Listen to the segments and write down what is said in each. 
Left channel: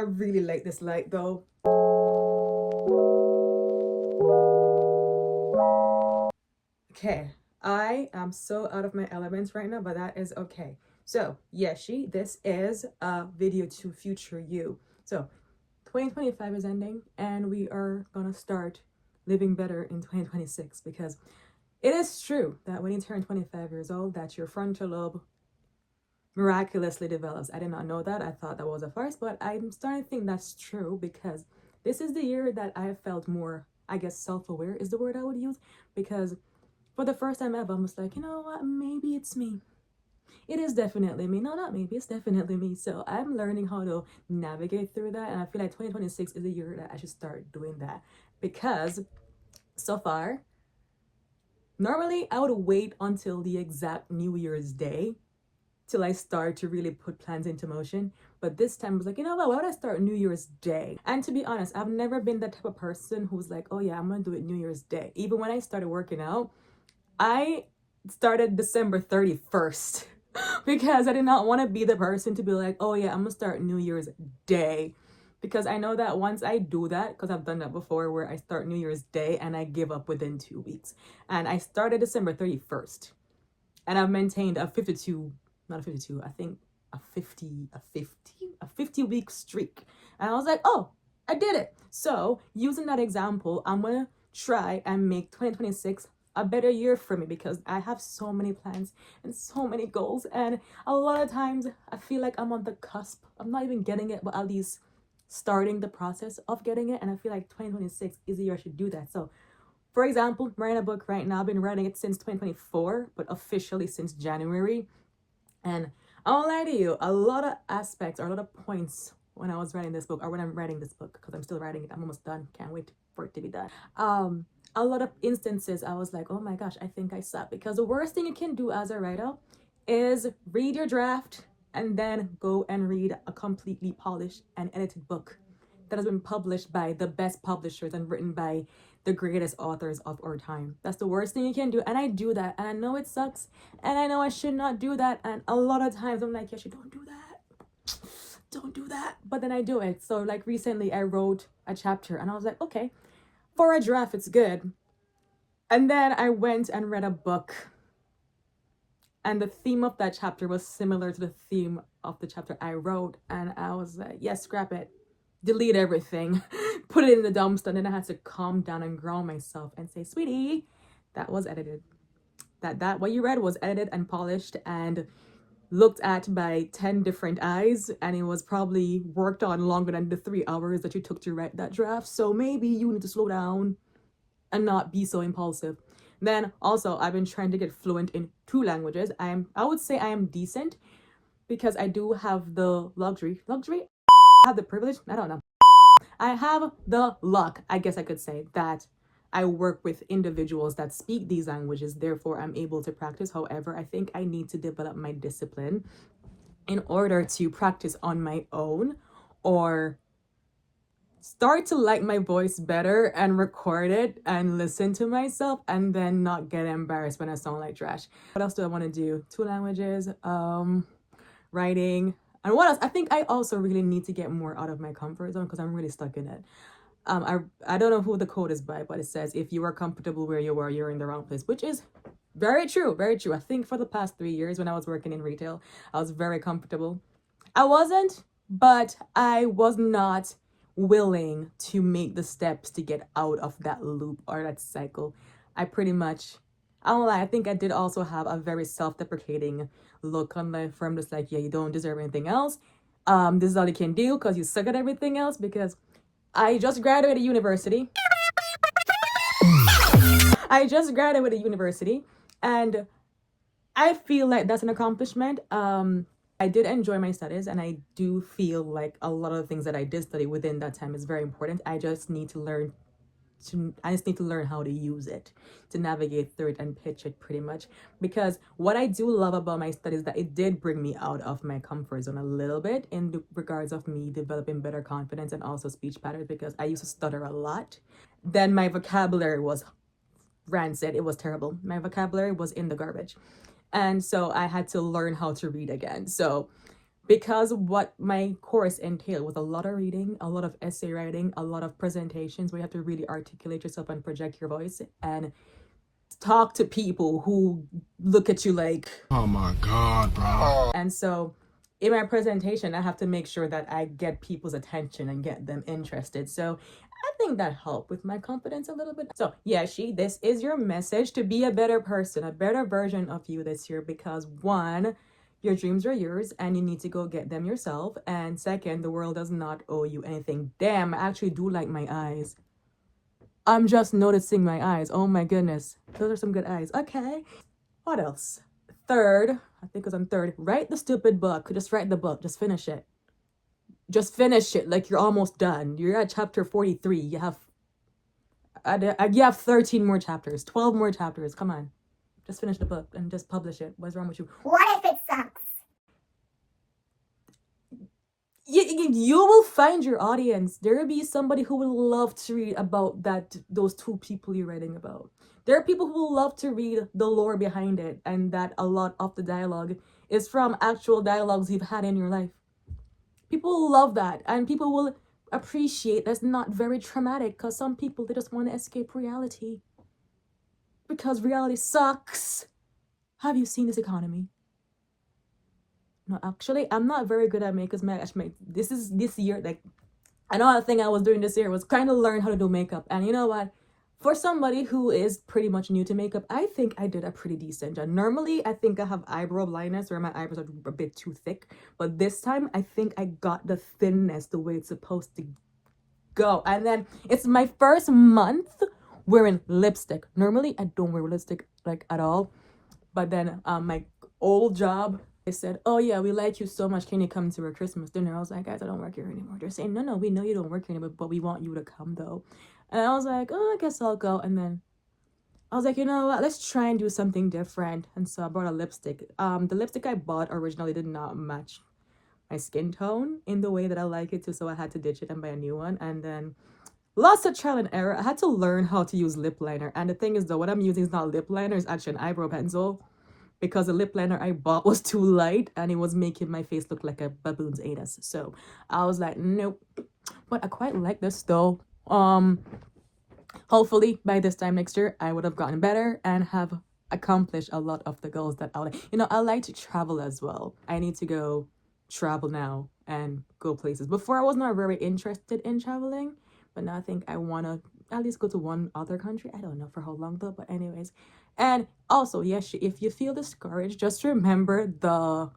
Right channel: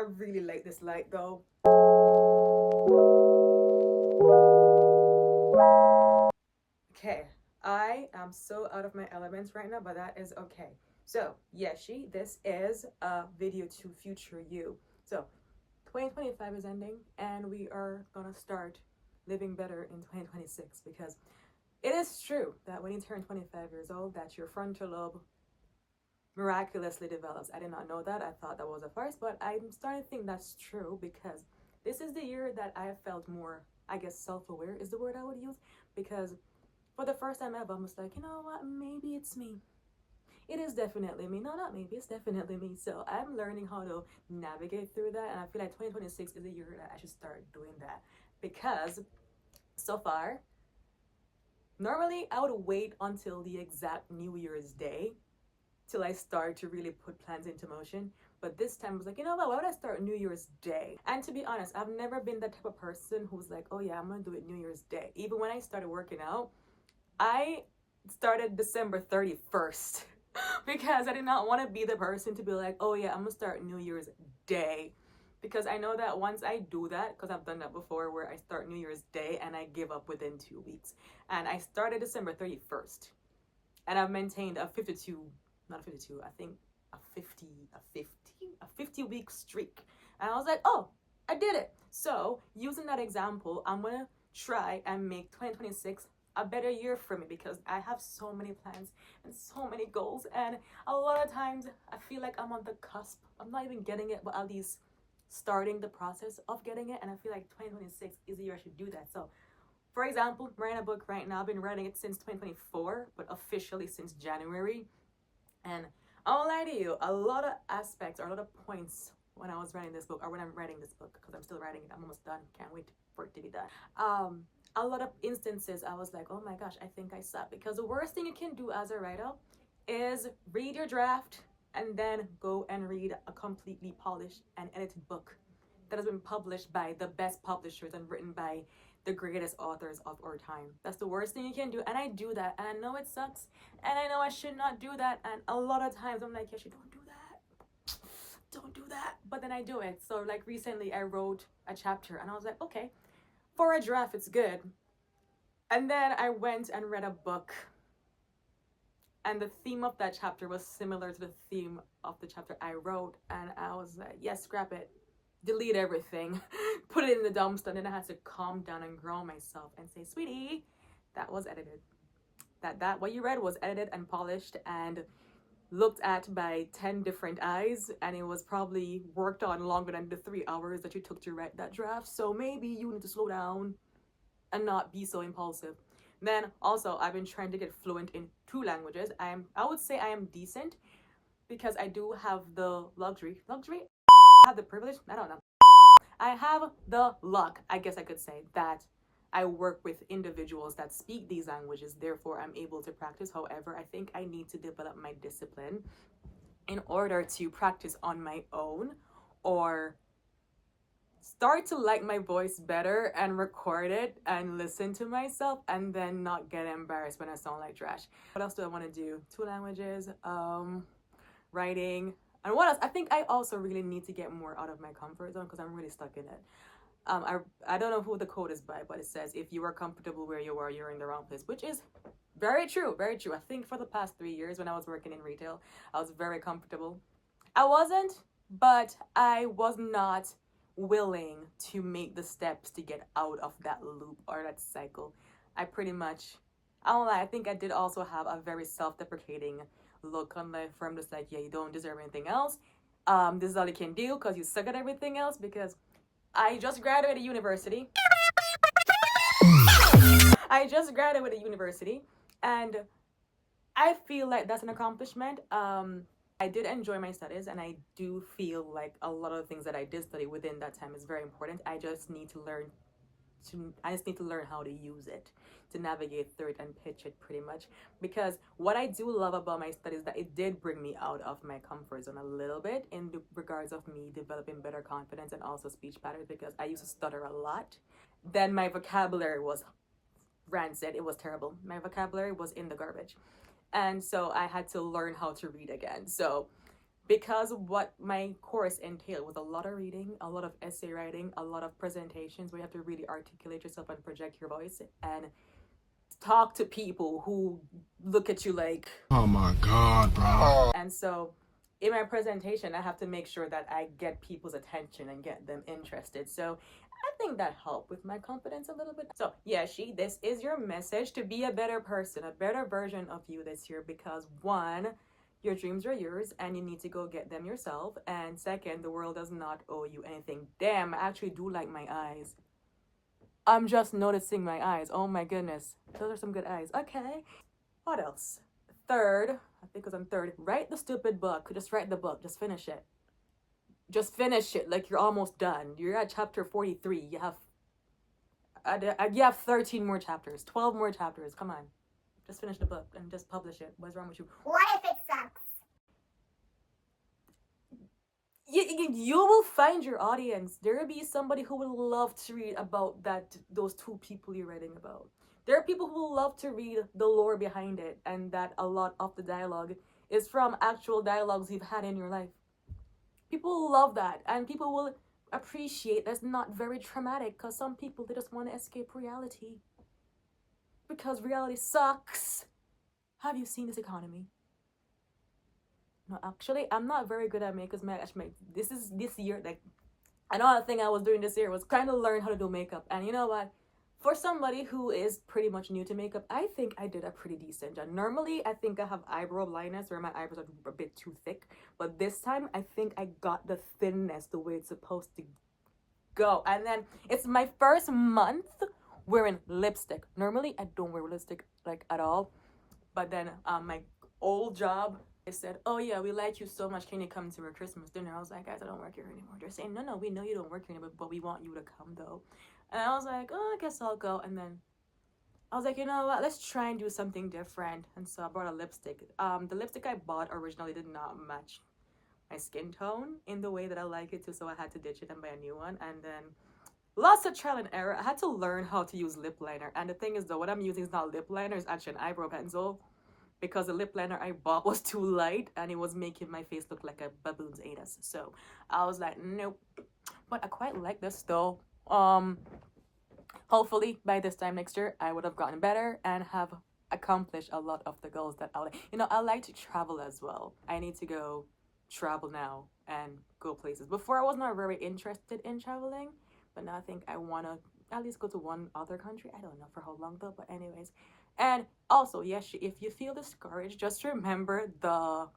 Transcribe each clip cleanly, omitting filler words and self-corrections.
I really like this light though. Okay, I am so out of my elements right now, but that is okay. So, Yeshy, this is a video to future you. So, 2025 is ending, and we are gonna start living better in 2026 because it is true that when you turn 25 years old, that your frontal lobe miraculously develops. I did not know that. I thought that was a farce, but I'm starting to think that's true because this is the year that I felt more, I guess, self-aware is the word I would use, because for the first time ever, I was like, you know what, maybe it's me. It is definitely me. No, not maybe, it's definitely me. So I'm learning how to navigate through that, and I feel like 2026 is a year that I should start doing that, because so far, normally I would wait until the exact New Year's Day till I start to really put plans into motion. But this time I was like, you know what, why would I start New Year's Day? And to be honest, I've never been that type of person who's like, oh yeah, I'm gonna do it New Year's Day. Even when I started working out, I started December 31st because I did not want to be the person to be like, oh yeah, I'm gonna start New Year's Day. Because I know that once I do that, because I've done that before where I start New Year's Day and I give up within 2 weeks. And I started December 31st. And I've maintained a 52, not a 52, I think a 50 week streak. And I was like, oh, I did it. So using that example, I'm gonna try and make 2026 a better year for me, because I have so many plans and so many goals, and a lot of times I feel like I'm on the cusp. I'm not even getting it, but at least starting the process of getting it. And I feel like 2026 is the year I should do that. So for example, I'm writing a book right now. I've been writing it since 2024, but officially since January. And I won't lie to you, a lot of aspects or a lot of points when I was writing this book, or when I'm writing this book, because I'm still writing it, I'm almost done, can't wait for it to be done. A lot of instances I was like, oh my gosh, I think I suck. Because the worst thing you can do as a writer is read your draft and then go and read a completely polished and edited book that has been published by the best publishers and written by the greatest authors of our time. That's the worst thing you can do. And I do that. And I know it sucks. And I know I should not do that. And a lot of times I'm like, Yeshy, don't do that. Don't do that. But then I do it. So like recently I wrote a chapter and I was like, okay, for a draft, it's good. And then I went and read a book. And the theme of that chapter was similar to the theme of the chapter I wrote. And I was like, yes, scrap it. Delete everything, put it in the dumpster. And then I had to calm down and ground myself and say, sweetie, that was edited. That what you read was edited and polished and looked at by 10 different eyes, and it was probably worked on longer than the 3 hours that you took to write that draft. So maybe you need to slow down and not be so impulsive. Then also, I've been trying to get fluent in 2 languages. I would say I am decent, because I do have the luxury, I have the privilege, I don't know. I have the luck, I guess I could say, that I work with individuals that speak these languages, therefore I'm able to practice. However, I think I need to develop my discipline in order to practice on my own, or start to like my voice better and record it and listen to myself and then not get embarrassed when I sound like trash. What else do I want to do? 2 languages, writing, and what else? I think I also really need to get more out of my comfort zone, because I'm really stuck in it. I don't know who the quote is by, but it says, if you are comfortable where you are, you're in the wrong place, which is very true, very true. I think for the past 3 years when I was working in retail, I was very comfortable. I wasn't, but I was not willing to make the steps to get out of that loop or that cycle. I pretty much, I don't lie, I think I did also have a very self-deprecating look on life, where I'm just like, yeah, you don't deserve anything else. This is all you can do because you suck at everything else. Because I just graduated university. And I feel like that's an accomplishment. I did enjoy my studies, and I do feel like a lot of the things that I did study within that time is very important. I just need to learn how to use it, to navigate through it and pitch it, pretty much. Because what I do love about my studies is that it did bring me out of my comfort zone a little bit, in the regards of me developing better confidence and also speech patterns, because I used to stutter a lot. Then my vocabulary was rancid. It was terrible. My vocabulary was in the garbage. And so I had to learn how to read again. So because what my course entailed was a lot of reading, a lot of essay writing, a lot of presentations where you have to really articulate yourself and project your voice and talk to people who look at you like, oh my God, bro. and so in my presentation I have to make sure that I get people's attention and get them interested. So I think that helped with my confidence a little bit. So Yeshy, this is your message to be a better person, a better version of you this year, because one, your dreams are yours and you need to go get them yourself, and second, the world does not owe you anything. Damn, I actually do like my eyes. I'm just noticing my eyes. Oh my goodness. Those are some good eyes. Okay. What else? Third, I think it was on third, write the stupid book. Just write the book. Just finish it. Just finish it like you're almost done. You're at chapter 43. You have 13 more chapters, 12 more chapters. Come on. Just finish the book and just publish it. What's wrong with you? What if it sucks? You will find your audience. There will be somebody who will love to read about those two people you're writing about. There are people who will love to read the lore behind it, and that a lot of the dialogue is from actual dialogues you've had in your life. People will love that, and people will appreciate that's not very traumatic, because some people, they just want to escape reality. Because reality sucks. Have you seen this economy? No, actually, I'm not very good at makeup. This year, like, another thing I was doing this year was kind of learn how to do makeup. And you know what? For somebody who is pretty much new to makeup, I think I did a pretty decent job. Normally, I think I have eyebrow blindness where my eyebrows are a bit too thick. But this time, I think I got the thinness the way it's supposed to go. And then, it's my first month wearing lipstick. Normally, I don't wear lipstick, like, at all. But then, my old job, they said, oh yeah, we like you so much, can you come to our Christmas dinner? I was like, guys, I don't work here anymore. They're saying, no, we know you don't work here anymore, but we want you to come though. And I was like, oh, I guess I'll go. And then I was like, you know what, let's try and do something different. And so I brought a lipstick. The lipstick I bought originally did not match my skin tone in the way that I like it to, so I had to ditch it and buy a new one. And then lots of trial and error. I had to learn how to use lip liner. And the thing is though, what I'm using is not lip liner, it's actually an eyebrow pencil, because the lip liner I bought was too light and it was making my face look like a baboon's anus. So I was like, nope. But I quite like this though. Hopefully by this time next year I would have gotten better and have accomplished a lot of the goals that I like. You know, I like to travel as well. I need to go travel now and go places. Before I was not very interested in traveling, but now I think I want to at least go to one other country. I don't know for how long though, but anyways. And also, yes, if you feel discouraged, just remember the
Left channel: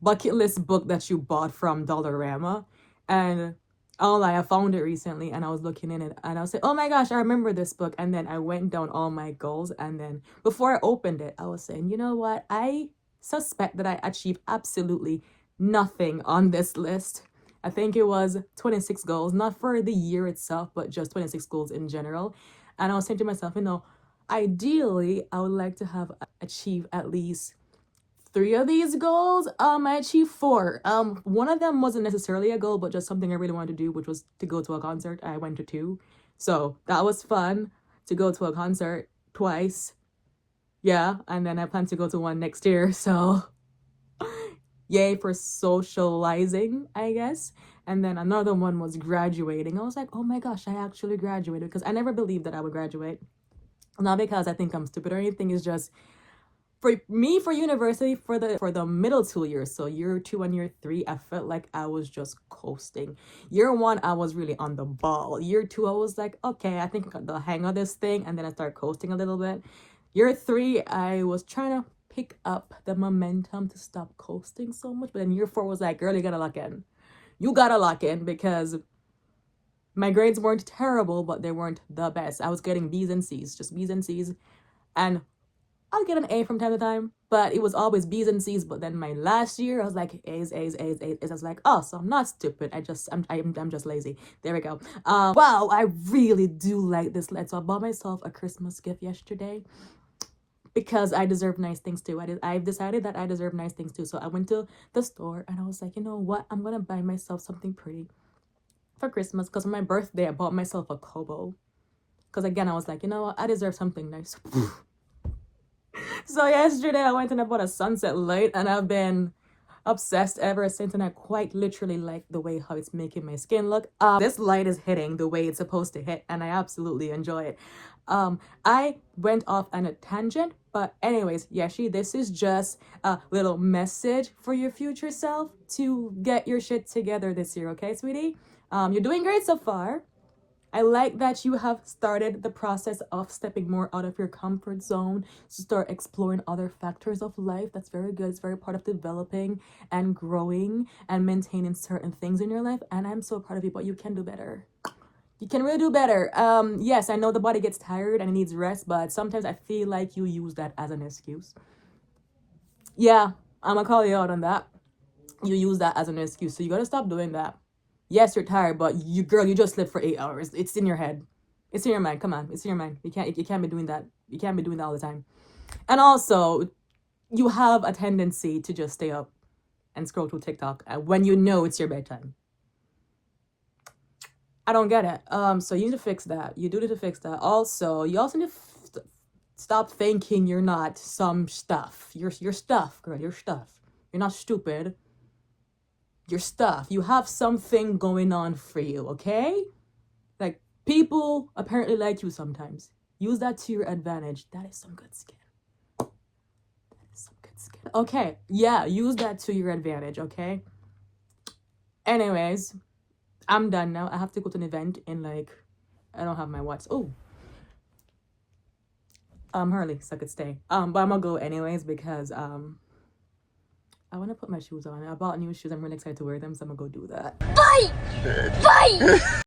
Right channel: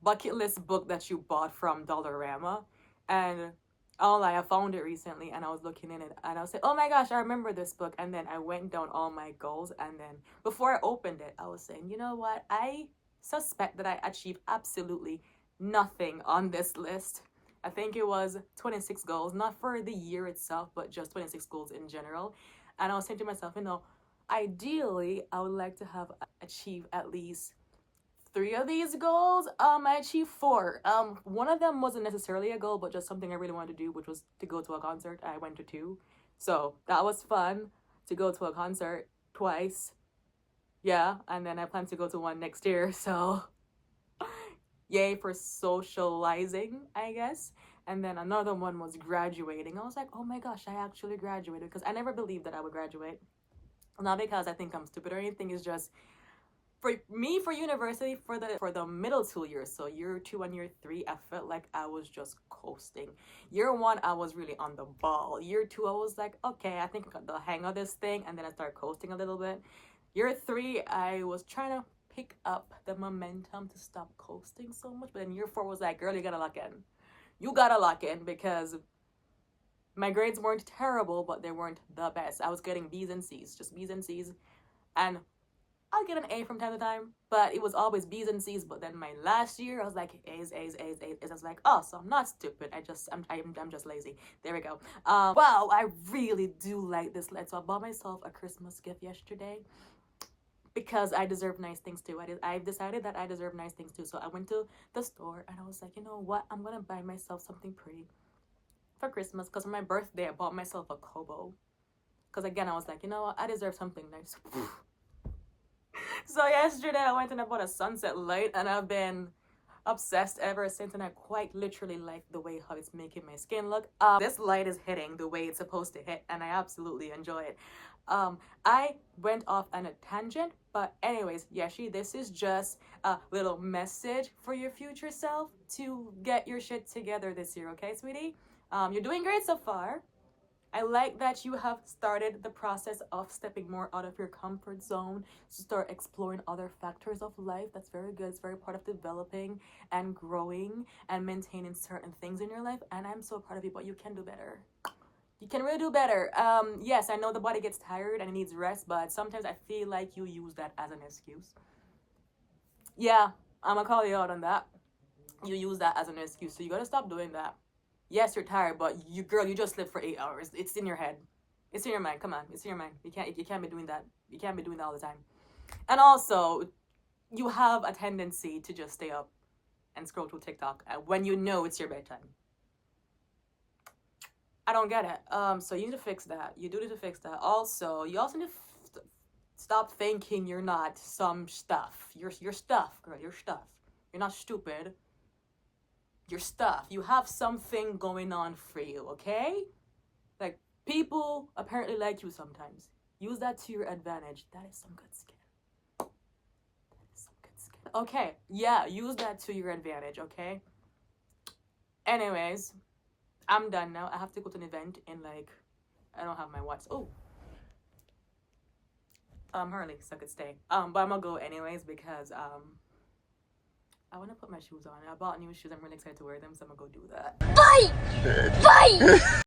bucket list book that you bought from Dollarama. And I found it recently and I was looking in it and I was like, oh my gosh, I remember this book. And then I went down all my goals. And then before I opened it, I was saying, you know what? I suspect that I achieved absolutely nothing on this list. I think it was 26 goals, not for the year itself, but just 26 goals in general. And I was saying to myself, you know, ideally, I would like to have achieved at least 3 of these goals. I achieved 4. One of them wasn't necessarily a goal, but just something I really wanted to do, which was to go to a concert. I went to 2. So that was fun to go to a concert twice. Yeah, and then I plan to go to one next year. So yay for socializing, I guess. And then another one was graduating. I was like, oh my gosh, I actually graduated, because I never believed that I would graduate. Not because I think I'm stupid or anything, it's just for me, for university, for the middle 2 years, so year 2 and year 3, I felt like I was just coasting. Year 1, I was really on the ball. Year 2, I was like, okay, I think I got the hang of this thing, and then I started coasting a little bit. Year 3, I was trying to pick up the momentum to stop coasting so much, but then year 4 was like, girl, you gotta lock in. You gotta lock in, because my grades weren't terrible, but they weren't the best. I was getting B's and C's, just B's and C's. And I'll get an A from time to time, but it was always B's and C's. But then my last year, I was like, A's. I was like, oh, so I'm not stupid. I'm just lazy. There we go. Wow, I really do like this letter. So I bought myself a Christmas gift yesterday, because I deserve nice things too. I've decided that I deserve nice things too. So I went to the store and I was like, you know what? I'm going to buy myself something pretty for Christmas, because on my birthday, I bought myself a Kobo. Because again, I was like, you know what? I deserve something nice. So yesterday, I went and I bought a sunset light, and I've been obsessed ever since, and I quite literally like the way how it's making my skin look. This light is hitting the way it's supposed to hit, and I absolutely enjoy it. I went off on a tangent, but anyways, Yeshy, this is just a little message for your future self to get your shit together this year, okay, sweetie? You're doing great so far. I like that you have started the process of stepping more out of your comfort zone to start exploring other factors of life. That's very good. It's very part of developing and growing and maintaining certain things in your life. And I'm so proud of you, but you can do better. You can really do better. Yes, I know the body gets tired and it needs rest, but sometimes I feel like you use that as an excuse. Yeah, I'm gonna call you out on that. You use that as an excuse, so you gotta stop doing that. Yes, you're tired, but you, girl, you just slept for 8 hours. It's in your head. It's in your mind. Come on, it's in your mind. You can't be doing that. You can't be doing that all the time. And also, you have a tendency to just stay up and scroll through TikTok when you know it's your bedtime. I don't get it. So you need to fix that. You do need to fix that. Also, you also need to stop thinking you're not some stuff. You're stuff, girl. You're stuff. You're not stupid. Your stuff. You have something going on for you, okay? Like, people apparently like you sometimes. Use that to your advantage. That is some good skin. That is some good skin. Okay, yeah, use that to your advantage, okay? Anyways, I'm done now. I have to go to an event in like, I don't have my watch. Oh. Hurley, so I could stay. But I'm gonna go anyways because I want to put my shoes on. I bought new shoes. I'm really excited to wear them, so I'm gonna go do that. Fight! Fight!